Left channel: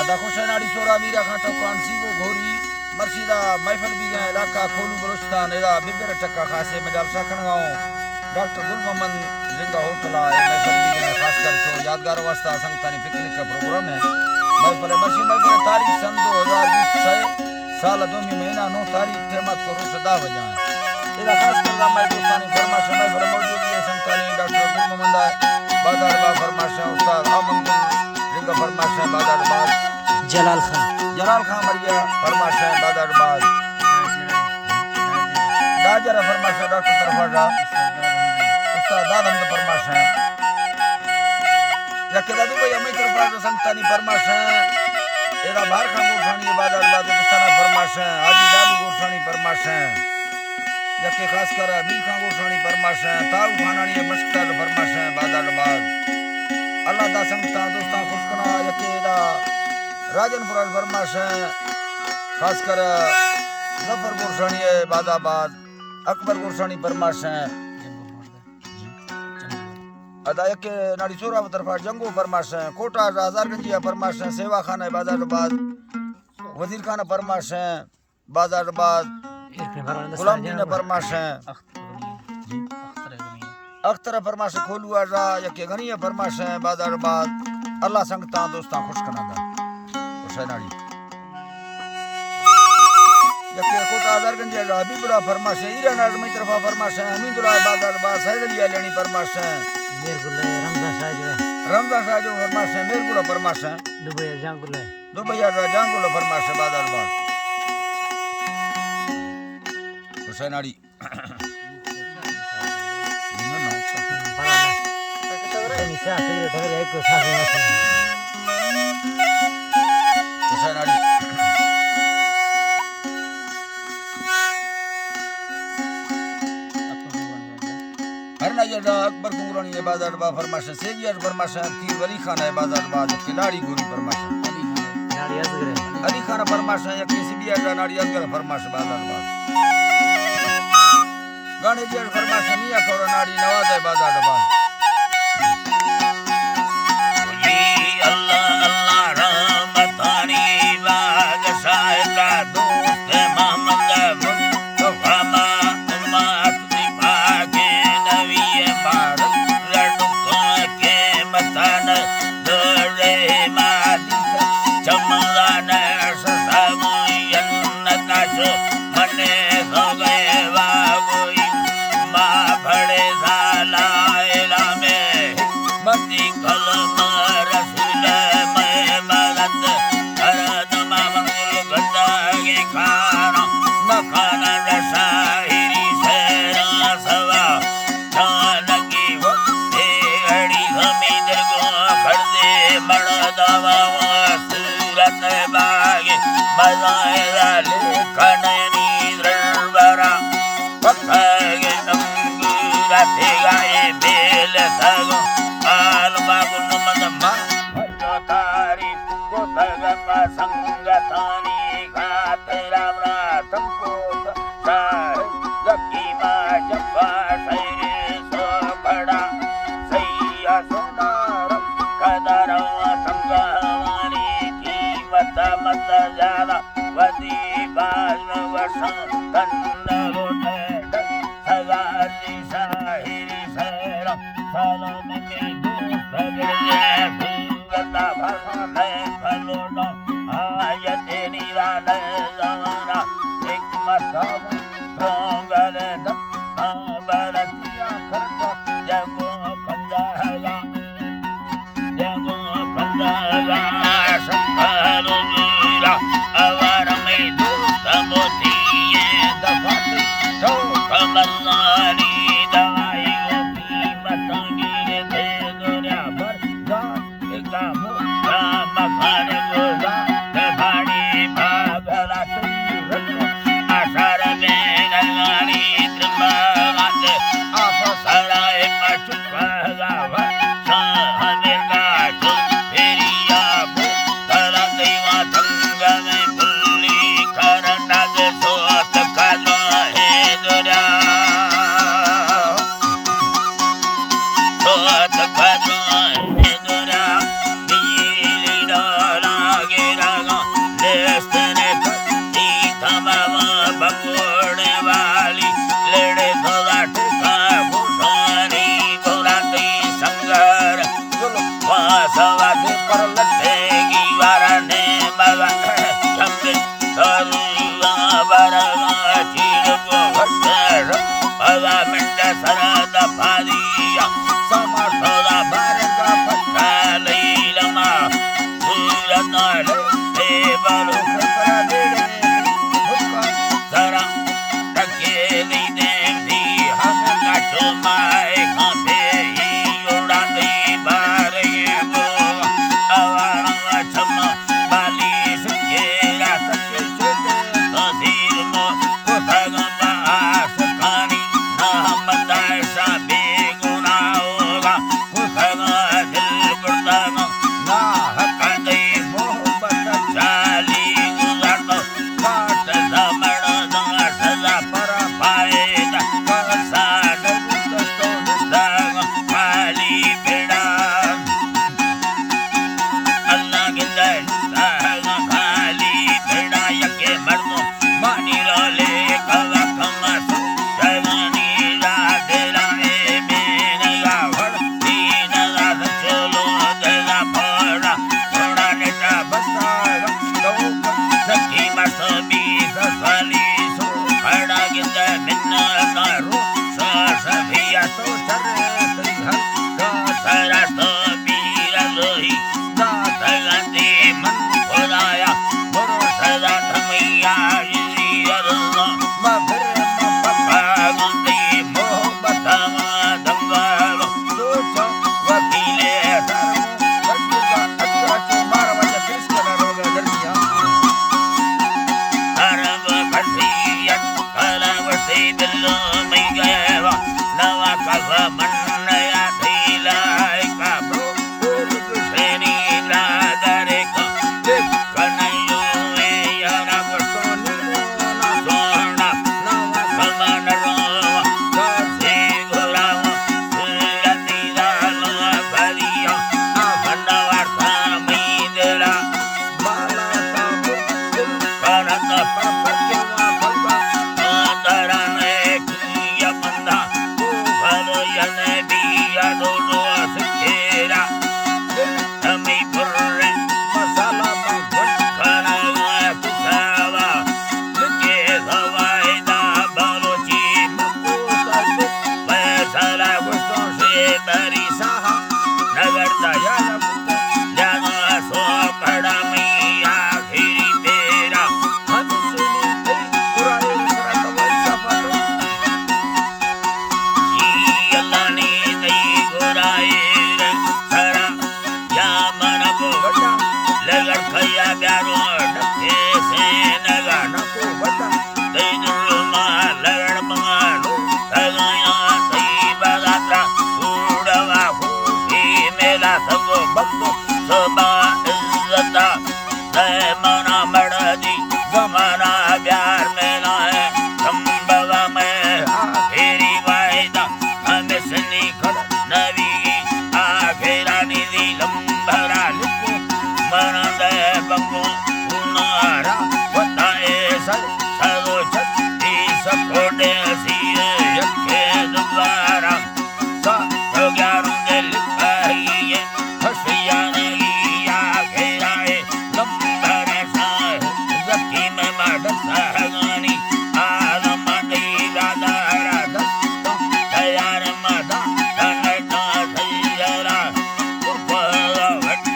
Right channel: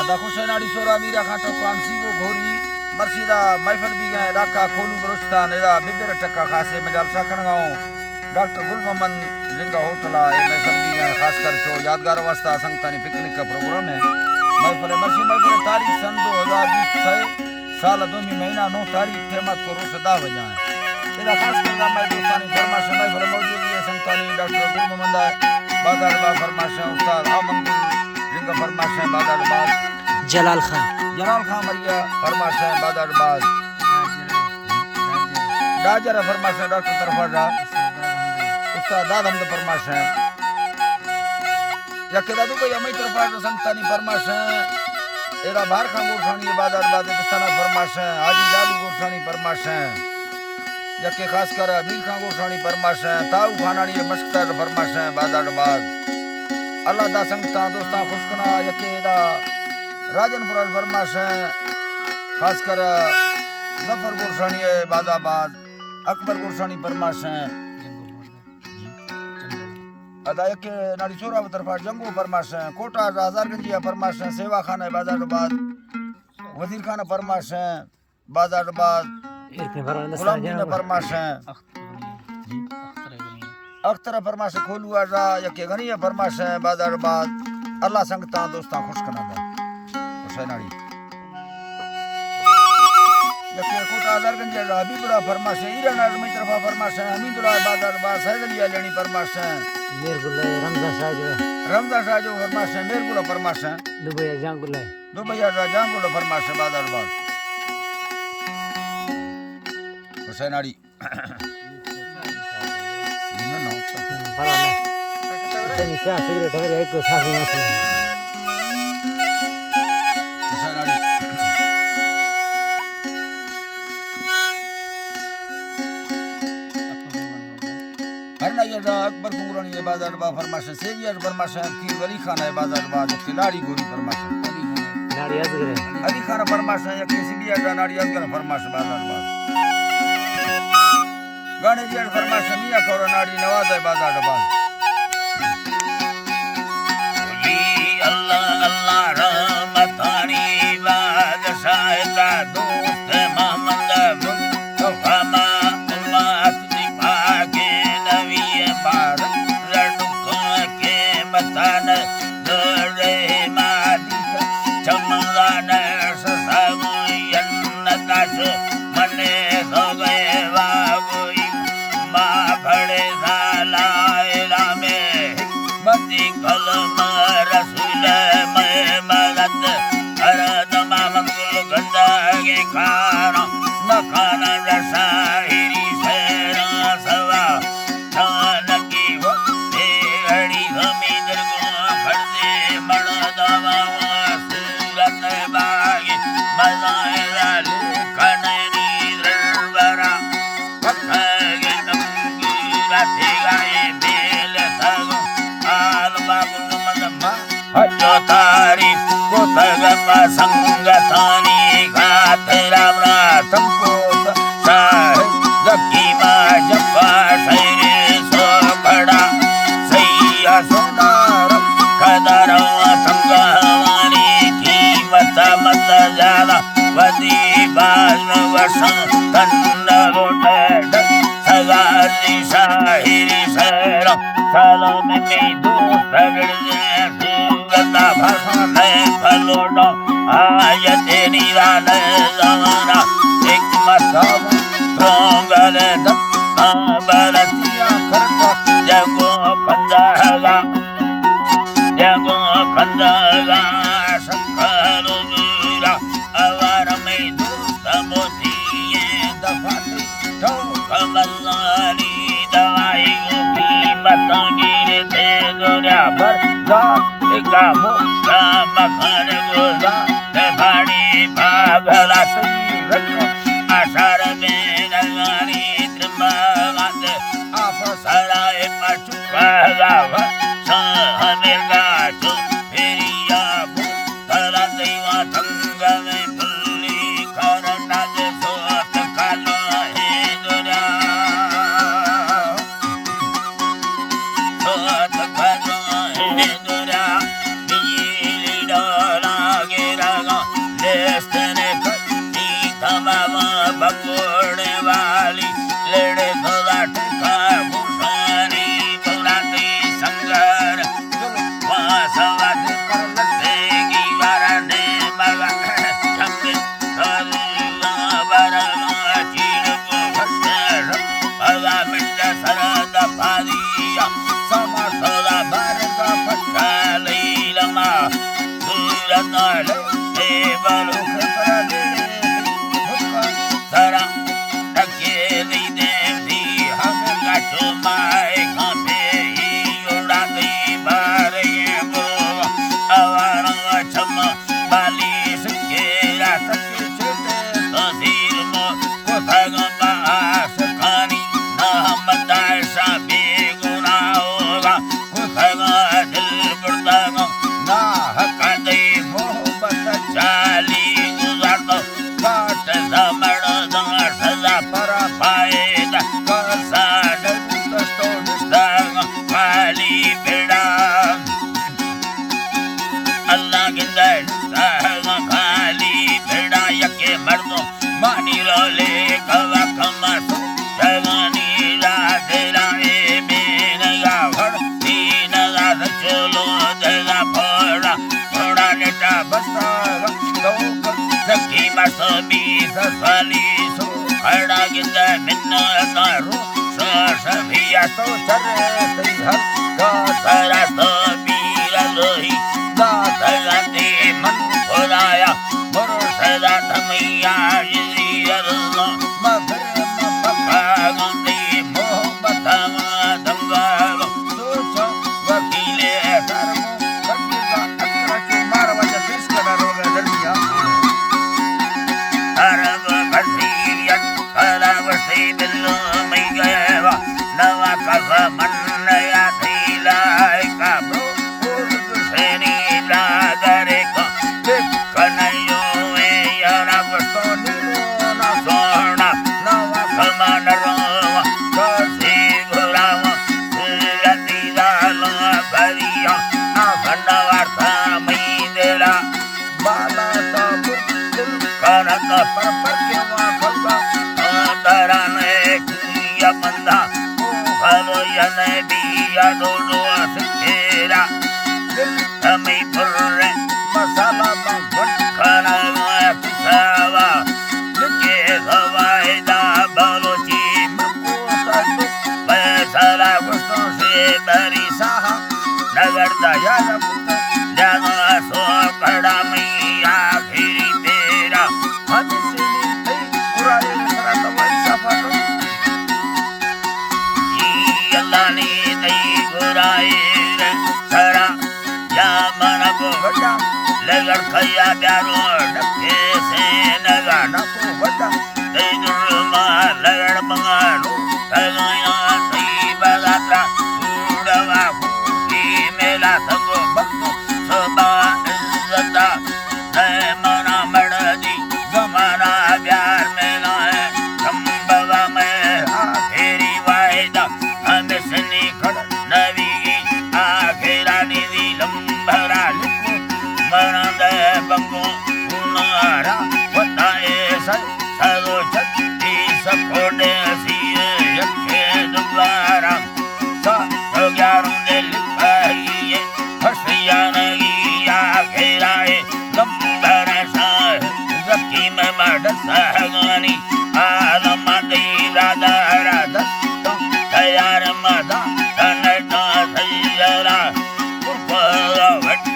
अदा खुशनाड़ी चोरा मीरा खाटो कांसीगो घोरी मर्शिदा महफिल भी गए इलाका खोलू बलोचिस्तान एदा बिबिर टक्का खासे मजाल शाखण गाँव डॉक्टर गुल मोहम्मद लिंगा होटल ए महफिल भी गए खासकर चो यादगार वास्ता संगतानी पिकनिक का प्रोग्राम है महफिल मर्शी महफिल तारीख सन 2020 साल 2 महीना 9 तारीख खेमत को रोज 10 बजे है एदा खास कर मैं दोस्तानी फरमाश महफिल मौजूद है संगतानी डॉक्टर गुल मोहम्मद बादल बा फरमाश उस्ताद अमन लिंगा फरमाश बादल जलाल खान मरिया फरमाश बादल डाजर फरमाश डॉक्टर तरफा उस्ताद दादम फरमाश यकेदा दुबई अमी तरफा संगतानी फरमाश एरा बाहर खां गोरसानी बादल बिस्ताना फरमाश हाजी लालू गोरसानी फरमाश यके खास कर अमीर खां गोरसानी फरमाश ताऊ खानानी मस्कर फरमाश बादल अल्लाह दा संगता दोस्ता खुशकना यकेदा राजनपुर फरमाश खास कर जफर गोरसानी बादाबाद अकबर गोरसानी फरमाश अदा यके नाड़ी चोरा तरफा जंगो फरमाश कोटा हजारगंजिया फरमाश सेवा खाना बादाबाद वजीर खाना फरमाश बादाबाद गुलाम दीन फरमाश अख्तर फरमाश खोलू आजा यके गनी फरमाश बादाबाद अल्लाह संगता दोस्ता खुशकना दा हुसैनाड़ी यके कोटा हजारगंजिया हबीबुल्लाह फरमाश ईरान आदमी तरफा फरमाश अमीदुल्लाह बादाबाद सैदलिया लेनी फरमाश रमजा शाह जो फरमाश मेरगुला फरमाश दुबैया जांगुला फरमाश बादाबाद हुसैनाड़ी हुसैनाड़ी अकबर कुंगरानी बादाबाद फरमाश सेवियर फरमाश कीर वली खान बादाबाद खिलाड़ी गोरी फरमाश अली खान फरमाश यके सिबिया नाड़ी असगर फरमाश बादाबाद गाने जी फरमाश मियां कौर नाड़ी नवाज बादाबाद जी अल्लाह अल्लाह रहमतानी बाग शायदा दोस्त मोहम्मद मुस्तफा उम्मत दी पाके नबी मुबारक रडुको के मतन दरे मादी चमगान ससामुयन नकाशो मने हो गए बाबुई माँ भड़े साला इला में हिकमती कलम रसूल में मगद हर दमा मंगल गंदा के खाना न खाना रसाहिरी शेरा सवा चानकी वो तेड़ी हमीदर को खर्दे बड़ा दवा सूरत बागे मजाए लेखनी द्रवरा पत्थर नंगूरा गाए बेल सगो आल बागुल मदमा हटो तारी को तगम संगतानी खातरा बना तुमको साह जकी मा जपा सैरे सो खड़ा सैया सोनार खदरा संगवानी कीमत मत ज्यादा वदी बाज वसन तन्ना लोटे सगाली शाहिरी सैरा सालों में दोस्त रगड़ जाए सूरता भरने फलोडो आय तेरी रान जमाना एक मताव प्रोंगल दत्ता बरतिया करता जगो कंदागा सकलो मीरा अवर में दोस्त मोतिये दफाती तो कमलानी दवाई मतंगी दे गोरा भर का मुक्का मखन गोरा भाड़ी भागला आषाढ़ में गंगानी त्रिमात आप सराय पचुपा पर लटेगी वरने मगा चंबे सरुआ वरगा चीड़को हस्तर हवा मिंड सरद पारिया समर्थदा बारगा फट्टा लैलमा सूरत ले बलुख पर गेड़े हुक्का सरा टकेली देवी हमें गाचो माए खापे ही उड़ा दी बारे वो आवारा छम बाली सकेला सके चेते तसीर मो को थगमा सकानी ना मदाशा बेगुना होगा को थगा दिल बुर्दागा ना हका दे मोहब्बत चाली गुजार दो काट जमड़ दा सजा पर पाएदा कसा नगुत तो निदागा पाली बेड़ा अल्लाह गिंदर सागा खाली बेड़ा यके मर्दो मानी रोले कवा कमसो जवानी राधेरा ए बेनगा भड़ दीनगा सचलो देगा फड़ा थोड़ा नेटा बसागा तो सखी मसबी ससाली सो खड़ा गिंदा मिन्ना तारो सभिया तो चरे हर का सारा तो बीरा लोही का तलाते मन खोलाया बरो सदा थमैया जी अल्लाह मगर मपका गंदी मोहब्बत दंगालो सोचो वकीले सरमो कटिका अकरा के मारवाजा पेश करना रोगा दरमिया अरब खसियत कलाव से दिल में गया नवा कफ मन या थीला का ब्रो उर्ग सेनी लादरे का कनयो में यारा सोनी मोना सोना नवा कमान रोवा कसी घुरावा सुरती लालो भरिया अखंड वार्ता में देला बाला सा मुकुल करत पर के वहाँ खलगा कांदराने किया बंदा को खलो यने बिया डोडो सिखेरा दिल हमें पुर्रे मसाला बंगट खाना पिसावा लिखे हवाई दा बलोची मकोसा दुख पैसाला गुस्तों से बरी साहा नगर दया लपुता जाना सो खड़ा में आखिरी बेरा हदसिनी तई कुराए रसरत वंशफत जी अल्लाह ने तई कुराए सरा या मन को वटा लगड़ खया प्यारो डके से नगा नको वटा तई दुर्मा लगड़ मंगालो तगाया तई बगाता उड़वा खुशी मेला संगो भक्तो सबा इज्जता जय मना मड़दी जमाना प्यार में लाए संभव में आखिरी वायदा हमेशनी खड़ नवी आखिरा निधि लंबरा लिखो मना दे बंगो उनारा बताए सरो छत्ती सकोडे सिए यके दोबारा सा तो ग्यारों दे लिखाइए हसिया नहीं आखिराए लंबरा सा जकी में मडसा गानी आलम दे राधा राधा तो तैयार मदा तनटा सैयरा कुर्पा वट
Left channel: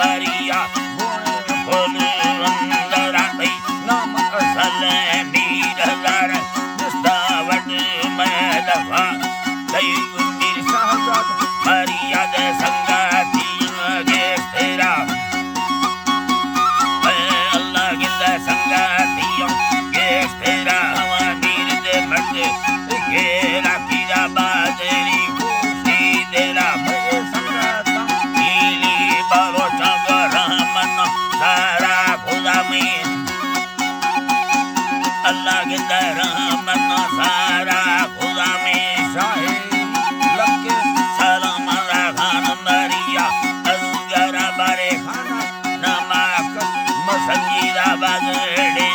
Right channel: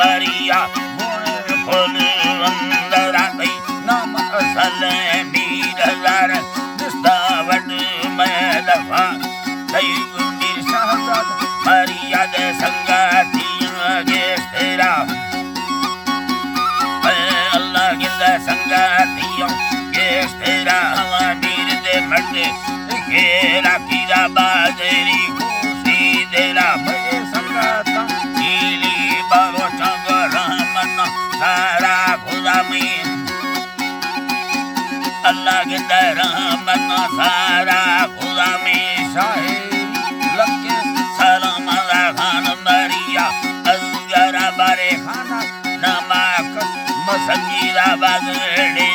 मरिया गोने खोल अंदर आती नाम असल मीर हजार दिस्ता वट में दफा तई गुंडीर सहजाद मरिया दे संगाती गेस तेरा अल्लाह गिंदा संगातियों गेस तेरा हवा मीर दे मर्दे केरा कीरा बाजरी खुशी देला मैं संगाता कीली बालो चंग रहमत सारा खुदा में अल्लाह गिंदा रहमत सारा खुदा में शाहिरी लगे सलाम खान मरिया अजगरा बारे खाना नमाक मसंगीरा बागड़े